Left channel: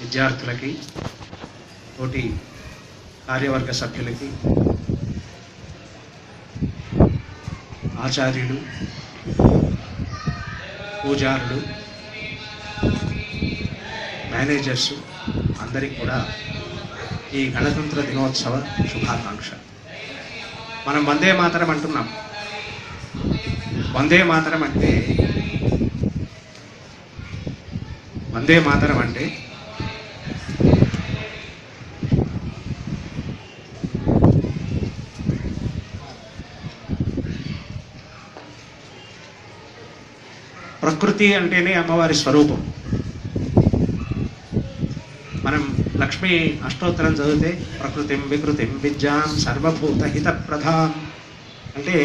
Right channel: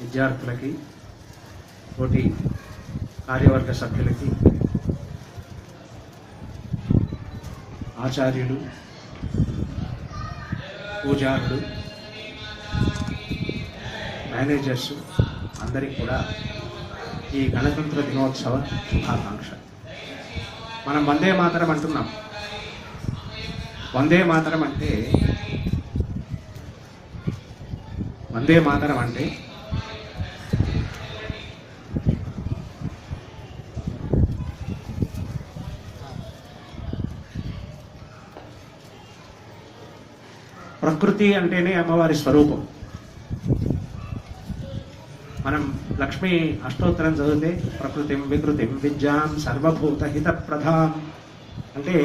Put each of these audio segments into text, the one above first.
విద్యార్థులకి, తోటి కార్యవర్గ సభ్యులకి, ఆచార్యులు, పూజారులు, మేనేజర్స్ అందరికీ కూడా ఈ గణతంత్ర దినోత్సవ శుభాకాంక్ష. మనం వందే మాతరం అంటున్నాం. వందే మాతరం అంటే ప్రకృతి అంటేనే అమ్మవారి స్వరూపం. మనం లక్ష్మీ అష్టోత్తరం చదివితే ప్రకృతిం వికృతిం విద్యాం సర్వభూత హిత ప్రధాం అంటే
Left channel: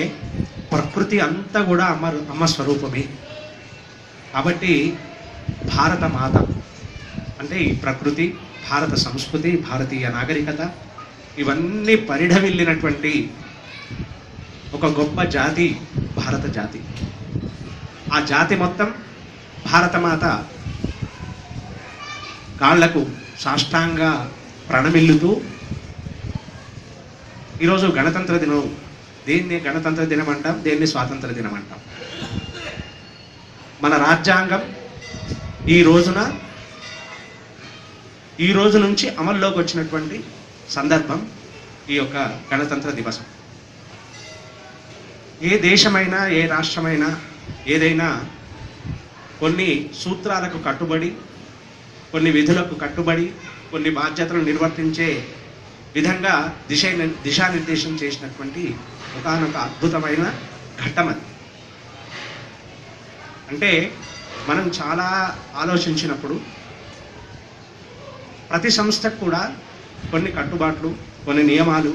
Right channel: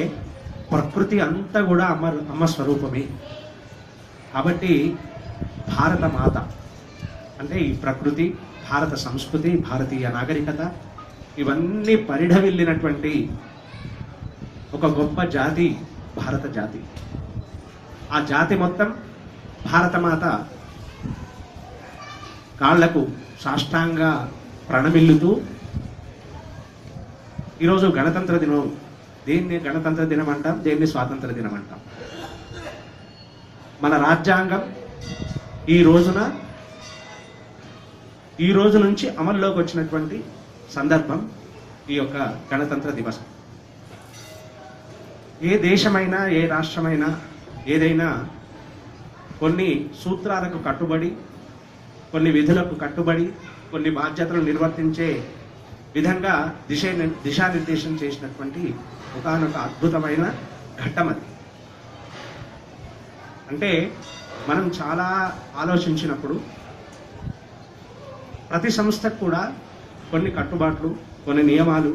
ప్రకృతి అంతా కూడా అమ్మ స్వరూపమే. కాబట్టి భారత మాత అంటే ఈ ప్రకృతి, భారత సంస్కృతి, భారతీయ నాగరికత ఇవన్నీ పరిఢవిల్లినటువంటి ఒక గొప్ప జాతి భారత జాతి. ఆ జాతి మొత్తం భారతమాత కాళ్లకు సాష్టాంగా ప్రణమిల్లుతూ ఈరోజు గణతంత్ర దినం, దేన్ని గణతంత్ర దినం అంటాం, దేన్ని స్వాతంత్ర దినం అంటాం. మన రాజ్యాంగం ఈ రోజు నుంచి అమల్లోకి వచ్చినటువంటి సందర్భం ఈ యొక్క గణతంత్ర దివసం. ఏ దేశమైనా, ఏ రాష్ట్రమైనా, ఏదైనా కొన్ని సూత్రాలకు కట్టుబడి, కొన్ని విధులకు కట్టుబడి, కొన్ని బాధ్యతలు నిర్వర్తించే విధంగా దిశానిర్దేశం చేసినటువంటి ఒకానొక అద్భుతమైన ఘట్టం అది. అంటే మనం చాలా ఆలోచించినప్పుడు ప్రతి సంస్థకు కూడా కొన్ని కట్టుబాట్లు, కొన్ని నియమాలు,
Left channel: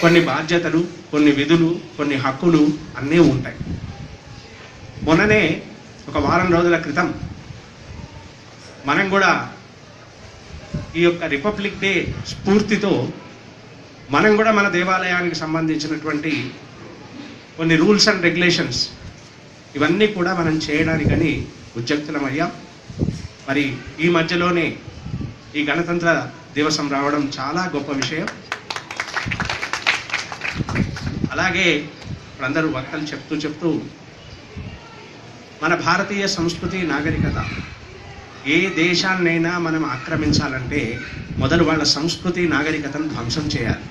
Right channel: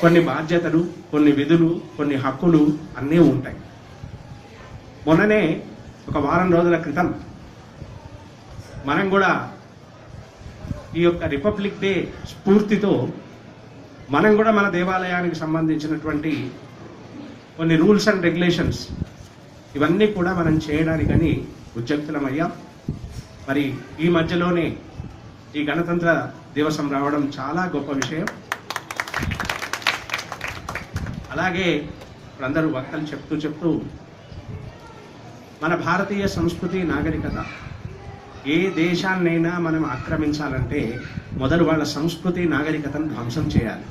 కొన్ని బాధ్యతలు, కొన్ని విధులు, కొన్ని హక్కులు అన్నీ ఉంటాయి. మొన్ననే ఒక వారం రోజుల క్రితం మనం కూడా ఈ యొక్క రిపబ్లిక్ డే స్ఫూర్తితో మనం కూడా మన దేవాలయానికి సంబంధించినటువంటి కొన్ని రూల్స్ అండ్ రెగ్యులేషన్స్ ఇవన్నీ కూడా మనం చేయడానికని ఉద్యుక్తులమయ్యాం. మరి ఈ మధ్యలోనే ఈ గణతంత్ర దివసం రావడం చాలా గొప్ప విషయం. అలాగే అందరూ వక్తలు చెప్తూ మన భారతీయ సంస్కృతి, నాగరికత ఏ దేశాన్నైనా మనం ఆక్రమించాలంటే మొదలు వాళ్ళ సంస్కృతి, నాగరికతను ధ్వంసం చేయాలి.